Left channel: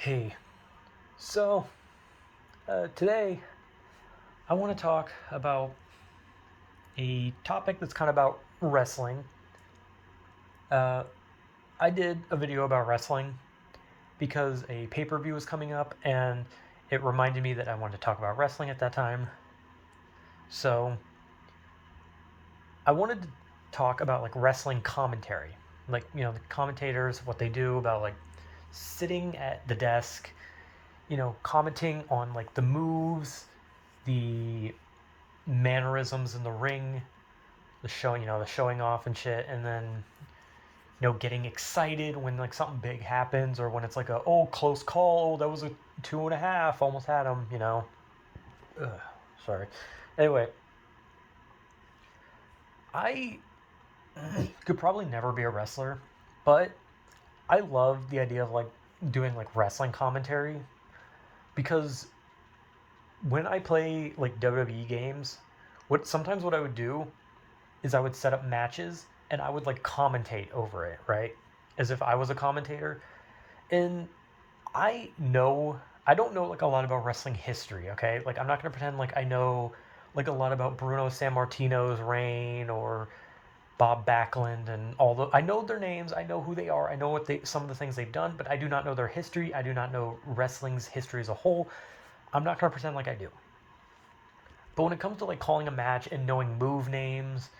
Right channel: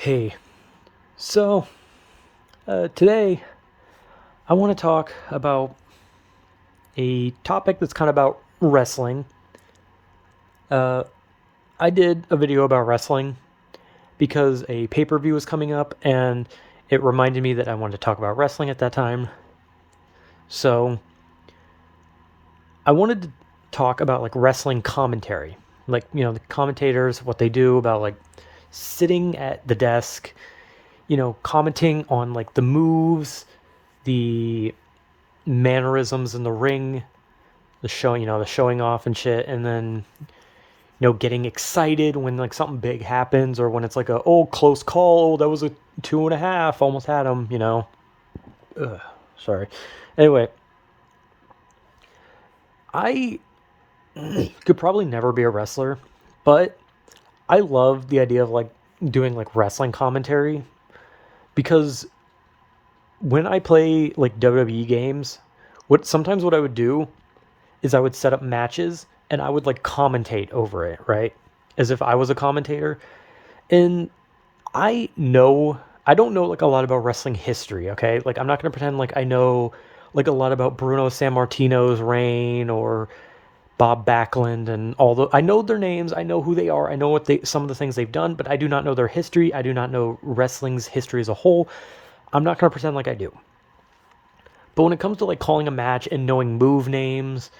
Hey, so today I want to talk about a topic that's kind of about wrestling. Uh, I did a video about wrestling because a pay per view was coming up and it reminded me that I wanted to talk about wrestling at that time. So I wanted to talk about like wrestling commentary, like, the commentators, what they do about like sitting at the desk, commenting on like the moves, the mannerisms in the ring, the showing off and shit, and then getting excited when like something big happens or when it's like a close call. Oh, that was a 2.5, almost had him. Ugh, sorry. Anyway, I could probably never be a wrestler, but I love the idea of like doing like wrestling commentary because when I play like WWE games, what I would do is I would set up matches and I would like commentate over it, right? As if I was a commentator. And I don't know like a lot about wrestling history, okay? Like I'm not going to pretend like I know like a lot about Bruno Sammartino's reign or Bob Backlund and all the I know their names, I know who they are, I know what they some of the things they've done, but I do not know their history. I do not know wrestling's history as a whole. I'm not going to pretend like I do. But when it comes to like calling a match and knowing move names,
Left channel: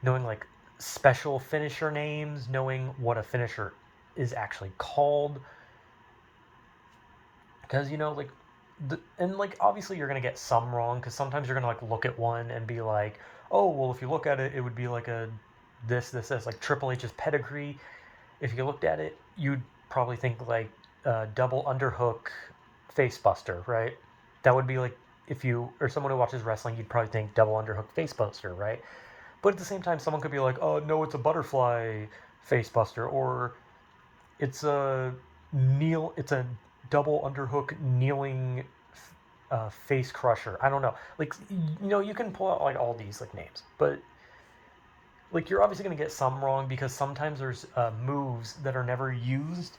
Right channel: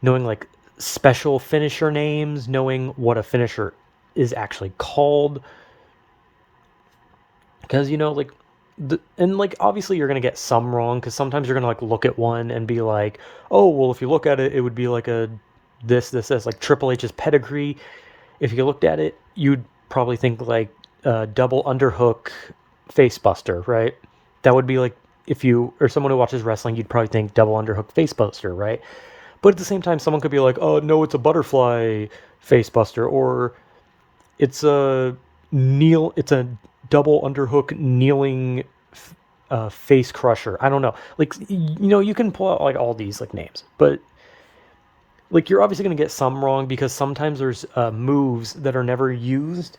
knowing like special finisher names, knowing what a finisher is actually called. Because, like, and like obviously you're gonna get some wrong because sometimes you're gonna like look at one and be like, oh well, if you look at it, it would be like a this like Triple H's pedigree. If you looked at it, you'd probably think like double underhook facebuster, right? That would be like if you or someone who watches wrestling, you'd probably think double underhook facebuster, right? But at the same time, someone could be like, "Oh no, it's a butterfly facebuster," or it's a it's a double underhook kneeling face crusher. I don't know. Like you can pull out like all these like names, but like you're obviously gonna get some wrong because sometimes there's moves that are never used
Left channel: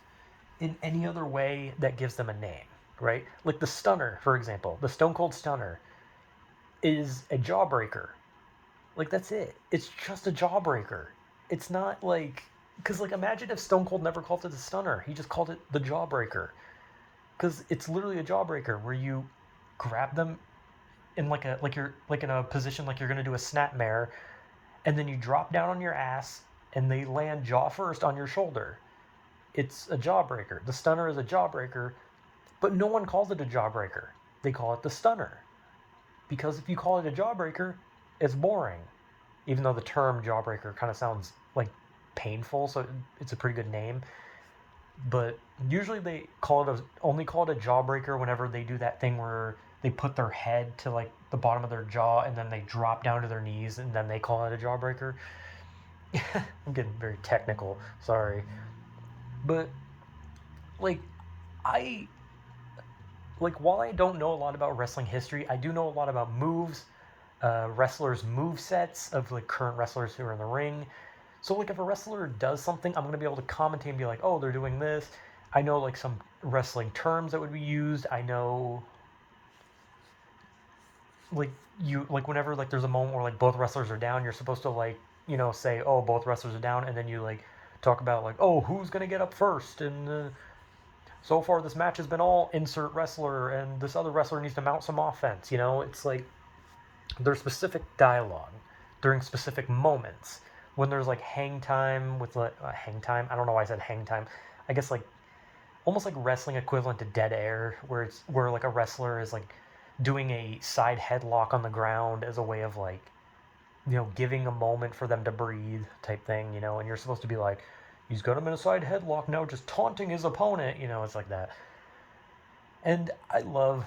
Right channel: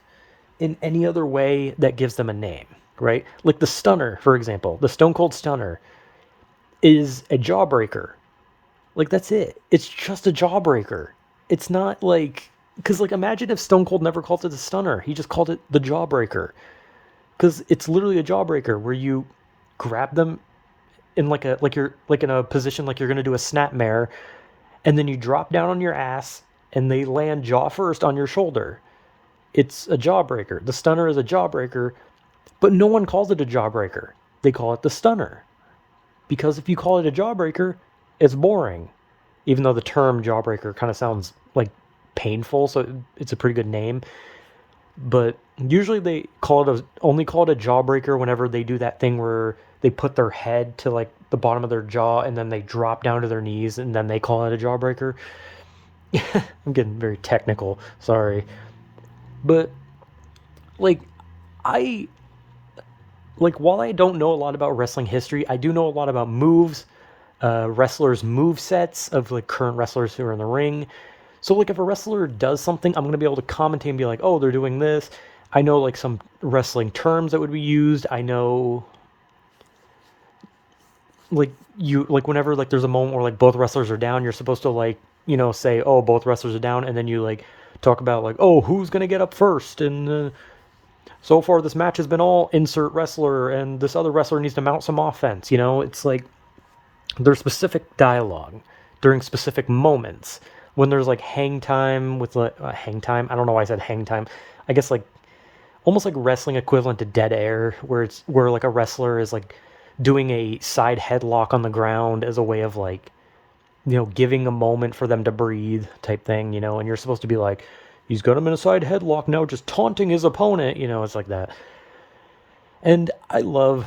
in any other way that gives them a name, right? Like the stunner, for example, the Stone Cold Stunner is a jawbreaker. Like that's it. It's just a jawbreaker. It's not like because like imagine if Stone Cold never called it a stunner. He just called it the jawbreaker. Because it's literally a jawbreaker where you grab them in like you're like in a position like you're gonna do a snapmare, and then you drop down on your ass and they land jaw first on your shoulder. It's a jawbreaker. The stunner is a jawbreaker, but no one calls it a jawbreaker. They call it the stunner. Because if you call it a jawbreaker, it's boring. Even though the term jawbreaker kind of sounds like painful, so it's a pretty good name. But usually they only call it a jawbreaker whenever they do that thing where they put their head to like the bottom of their jaw and then they drop down to their knees and then they call it a jawbreaker. I'm getting very technical, sorry. But like I like while I don't know a lot about wrestling history, I do know a lot about moves, wrestlers' move sets of like current wrestlers who are in the ring. So like if a wrestler does something, I'm gonna be able to commentate and be like, oh, they're doing this. I know like some wrestling terms that would be used. I know like you like whenever like there's a moment where like both wrestlers are down, you're supposed to like say, oh, both wrestlers are down, and then you like talk about like, oh, who's gonna get up first, and so far this match has been all insert wrestler, and this other wrestler needs to mount some offense. It's like there's specific dialogue during specific moments when there's like hang time with like hang time. I don't know why I said hang time. I guess like almost like wrestling equivalent to dead air, where it's where like a wrestler is like doing a side headlock on the ground as a way of like giving a moment for them to breathe type thing. And you're supposed to be like, he's got him in a side headlock now, just taunting his opponent. It's like that. And I love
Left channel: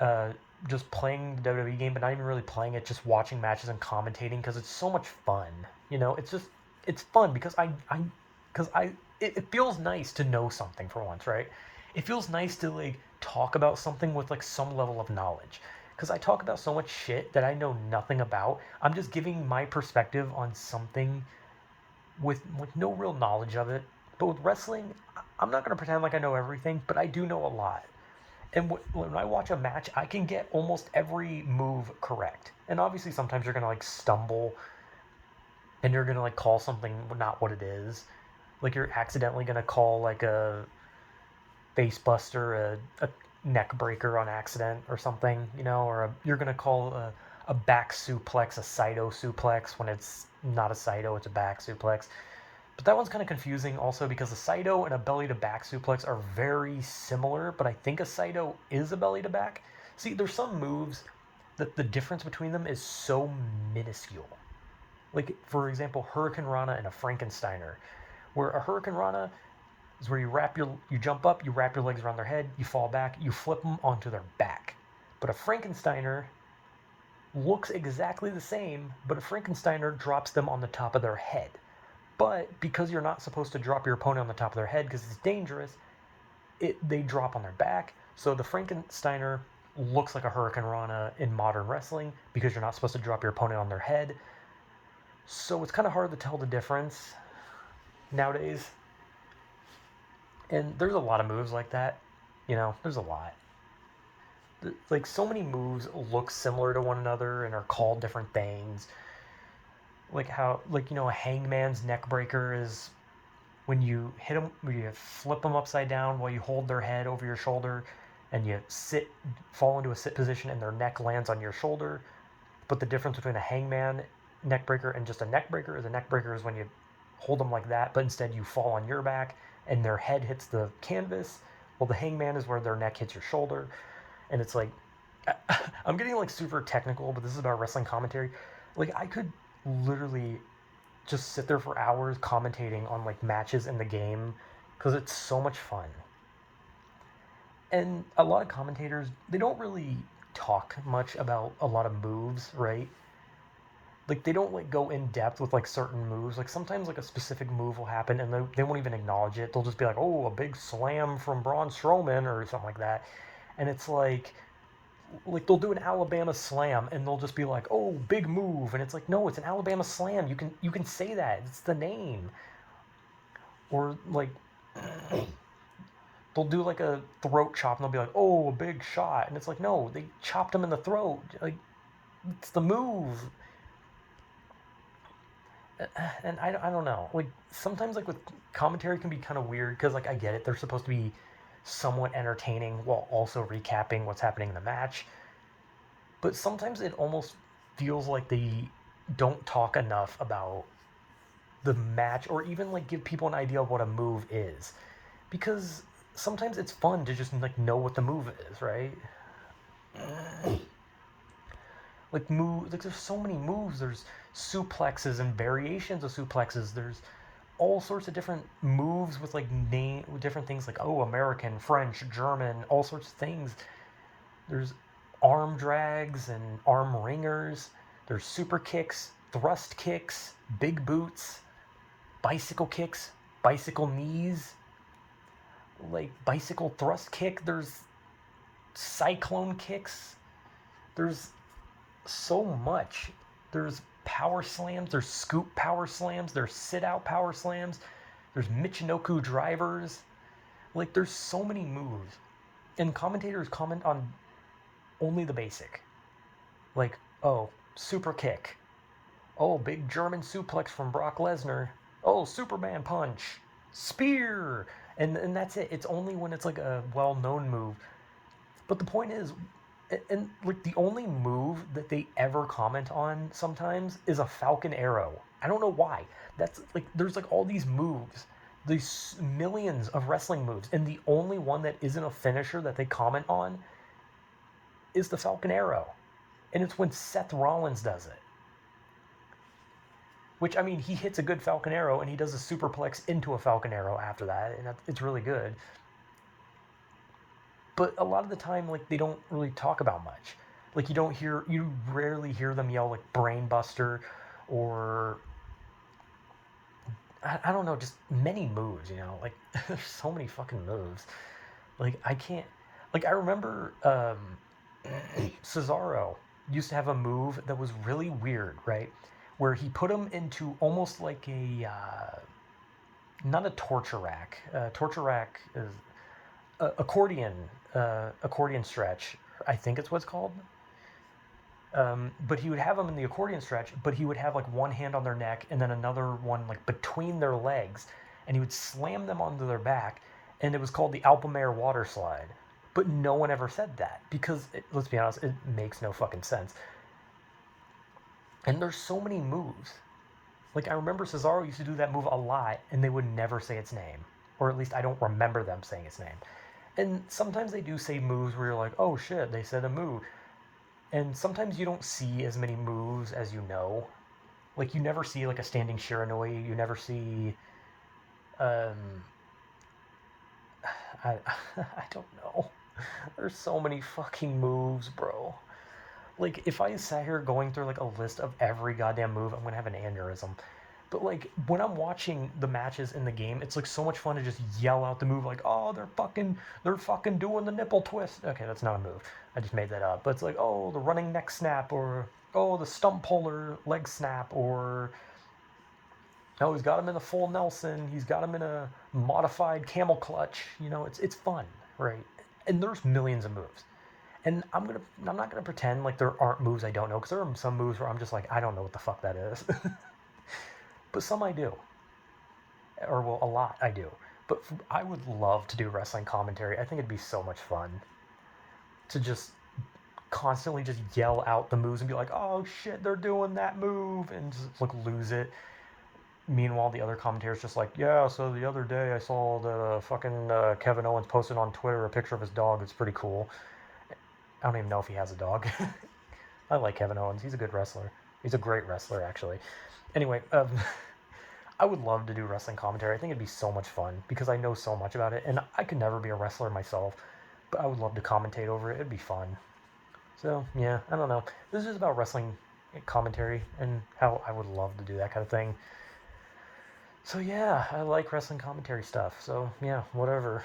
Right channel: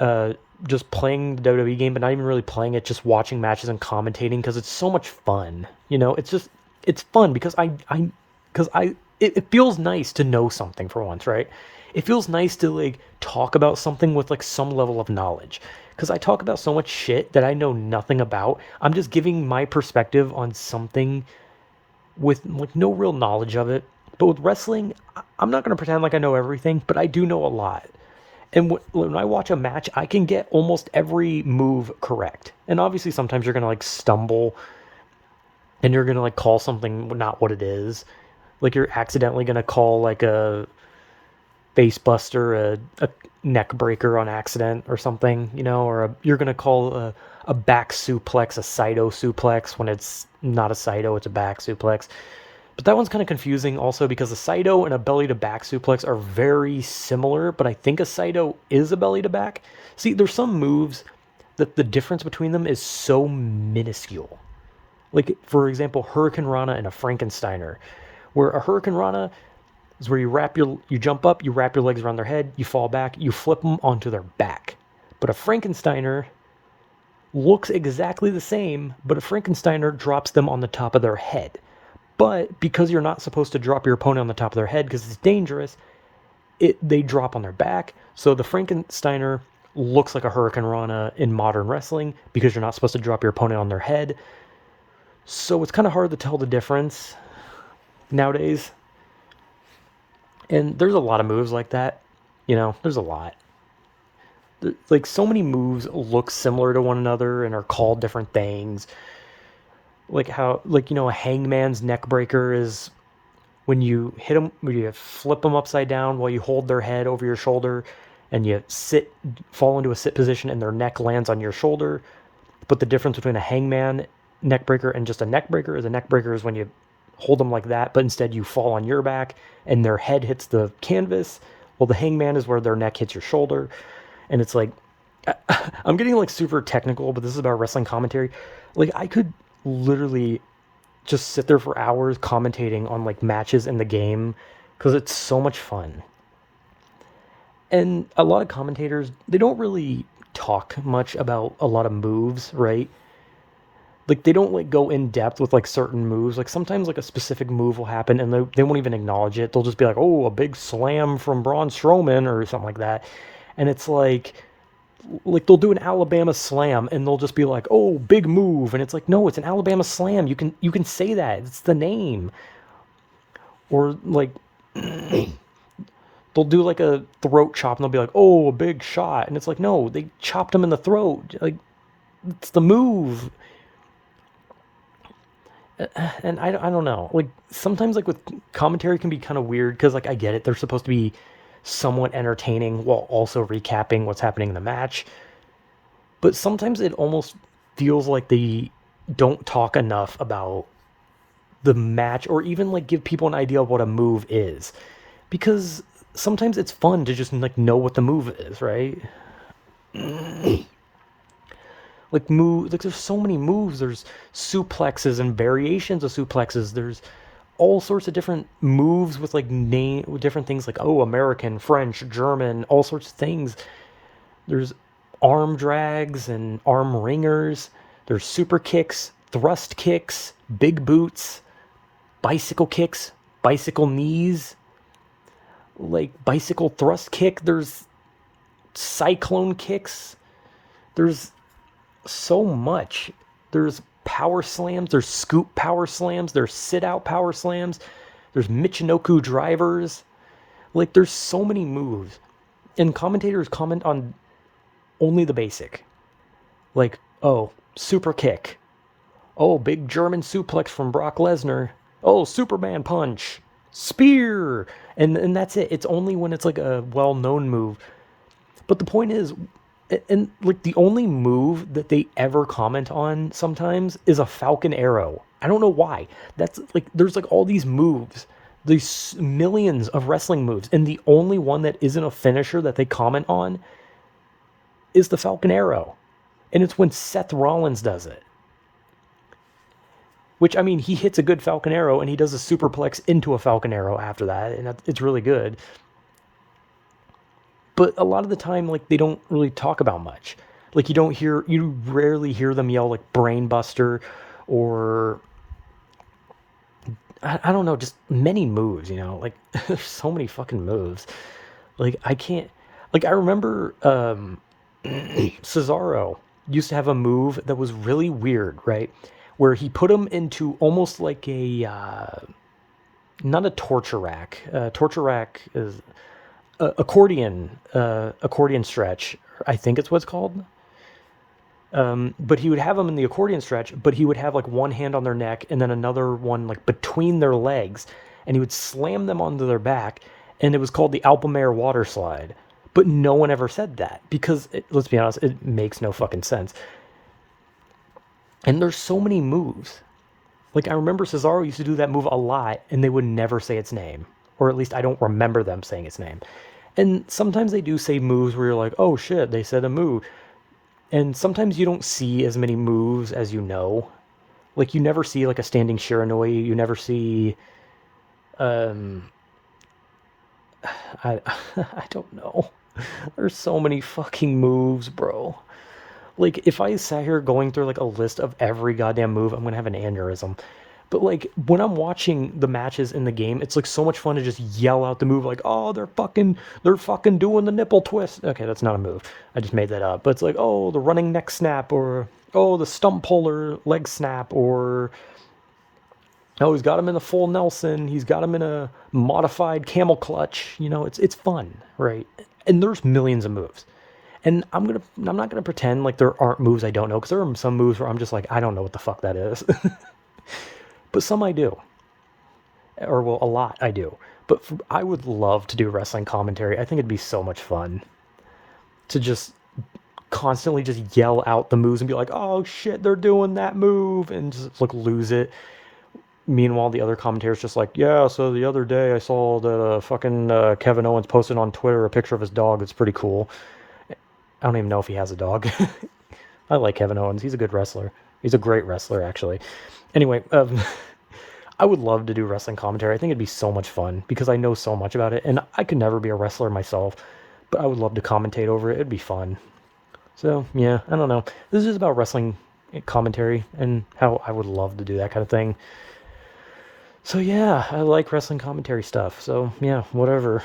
uh, just playing the WWE game, but not even really playing it, just watching matches and commentating because it's so much fun. It's fun because it feels nice to know something for once, right? It feels nice to like talk about something with like some level of knowledge. Because I talk about so much shit that I know nothing about. I'm just giving my perspective on something with like no real knowledge of it. But with wrestling, I'm not going to pretend like I know everything, but I do know a lot. And when I watch a match, I can get almost every move correct. And obviously, sometimes you're going to like stumble and you're going to like call something not what it is. Like you're accidentally going to call like a face buster, a neck breaker on accident or something, or you're going to call a back suplex a Saito suplex when it's not a Saito, it's a back suplex. But that one's kind of confusing also because a Saito and a belly to back suplex are very similar, but I think a Saito is a belly to back. See, there's some moves that the difference between them is so minuscule. Like, for example, Hurricane Rana and a Frankensteiner, where a Hurricane Rana is where you jump up, you wrap your legs around their head, you fall back, you flip them onto their back. But a Frankensteiner looks exactly the same, but a Frankensteiner drops them on the top of their head. But because you're not supposed to drop your opponent on the top of their head because it's dangerous, they drop on their back. So the Frankensteiner looks like a Hurricane Rana in modern wrestling because you're not supposed to drop your opponent on their head. So it's kind of hard to tell the difference nowadays. And there's a lot of moves like that. There's a lot. Like, so many moves look similar to one another and are called different things. Like how, like, a hangman's neck breaker is when you hit them, when you flip them upside down while you hold their head over your shoulder and you fall into a sit position and their neck lands on your shoulder. But the difference between a hangman neck breaker and just a neck breaker is when you hold them like that, but instead you fall on your back and their head hits the canvas. Well, the hangman is where their neck hits your shoulder. And it's like, I'm getting like super technical, but this is about wrestling commentary. Like, I could literally just sit there for hours commentating on like matches in the game because it's so much fun. And a lot of commentators, they don't really talk much about a lot of moves, right? Like, they don't like go in depth with like certain moves. Like, sometimes like a specific move will happen and they won't even acknowledge it. They'll just be like, oh, a big slam from Braun Strowman or something like that. And it's like they'll do an Alabama slam and they'll just be like, oh, big move. And it's like, no, it's an Alabama slam. You can say that. It's the name. Or like they'll do like a throat chop and they'll be like, oh, a big shot. And it's like, no, they chopped him in the throat. Like, it's the move. And I don't know. Like, sometimes like with commentary can be kind of weird because like I get it. They're supposed to be somewhat entertaining while also recapping what's happening in the match. But sometimes it almost feels like they don't talk enough about the match or even like give people an idea of what a move is. Because sometimes it's fun to just like know what the move is, right? Like there's so many moves. There's suplexes and variations of suplexes. There's all sorts of different moves with like different things like, oh, American, French, German, all sorts of things. There's arm drags and arm ringers. There's super kicks, thrust kicks, big boots, bicycle kicks, bicycle knees, like bicycle thrust kick. There's cyclone kicks. There's so much. There's power slams, there's scoop power slams, there's sit out power slams, there's Michinoku drivers. Like, there's so many moves. And commentators comment on only the basic. Like, oh, super kick. Oh, big German suplex from Brock Lesnar. Oh, Superman punch. Spear. And that's it. It's only when it's like a well-known move. But the point is, and like the only move that they ever comment on sometimes is a Falcon Arrow. I don't know why. That's like, there's like all these moves, these millions of wrestling moves, and the only one that isn't a finisher that they comment on is the Falcon Arrow. And it's when Seth Rollins does it. Which, I mean, he hits a good Falcon Arrow and he does a superplex into a Falcon Arrow after that, and it's really good. But a lot of the time, like, they don't really talk about much. Like, you rarely hear them yell like brainbuster or I don't know, just many moves, like there's so many fucking moves. Like, I can't, like, I remember Cesaro used to have a move that was really weird, right? Where he put him into almost like a not a torture rack. Torture rack is accordion stretch. I think it's what's called. But he would have them in the accordion stretch, but he would have like one hand on their neck and then another one like between their legs, and he would slam them onto their back, and it was called the Alpamair water slide. But no one ever said that because let's be honest, it makes no fucking sense. And there's so many moves. Like I remember Cesaro used to do that move a lot, and they would never say its name, or at least I don't remember them saying its name. And sometimes they do say moves where you're like, oh shit, they said a move. And sometimes you don't see as many moves as you know. Like you never see like a standing Shiranui. You never see, um, I I don't know. There's so many fucking moves, bro. Like if I sat here going through like a list of every goddamn move, I'm gonna have an aneurysm. But like when I'm watching the matches in the game, it's like so much fun to just yell out the move like, "Oh, they're fucking doing the nipple twist." Okay, that's not a move. I just made that up. But it's like, "Oh, the running neck snap," or "Oh, the stump puller leg snap," or "Oh, he's got him in the full Nelson. He's got him in a modified camel clutch." You know, it's fun, right? And there's millions of moves. And I'm not gonna pretend like there aren't moves I don't know, because there are some moves where I'm just like, I don't know what the fuck that is. But some I do, or well, a lot I do. But I would love to do wrestling commentary. I think it'd be so much fun to just constantly just yell out the moves and be like, "Oh shit, they're doing that move," and just like lose it. Meanwhile, the other commentators just like, "Yeah, so the other day I saw that fucking Kevin Owens posted on Twitter a picture of his dog. It's pretty cool." I don't even know if he has a dog. I like Kevin Owens. He's a good wrestler. He's a great wrestler, actually. Anyway, I would love to do wrestling commentary. I think it'd be so much fun because I know so much about it, and I could never be a wrestler myself, but I would love to commentate over it. It'd be fun. So yeah, I don't know. This is about wrestling commentary and how I would love to do that kind of thing. So yeah, I like wrestling commentary stuff. So yeah, whatever.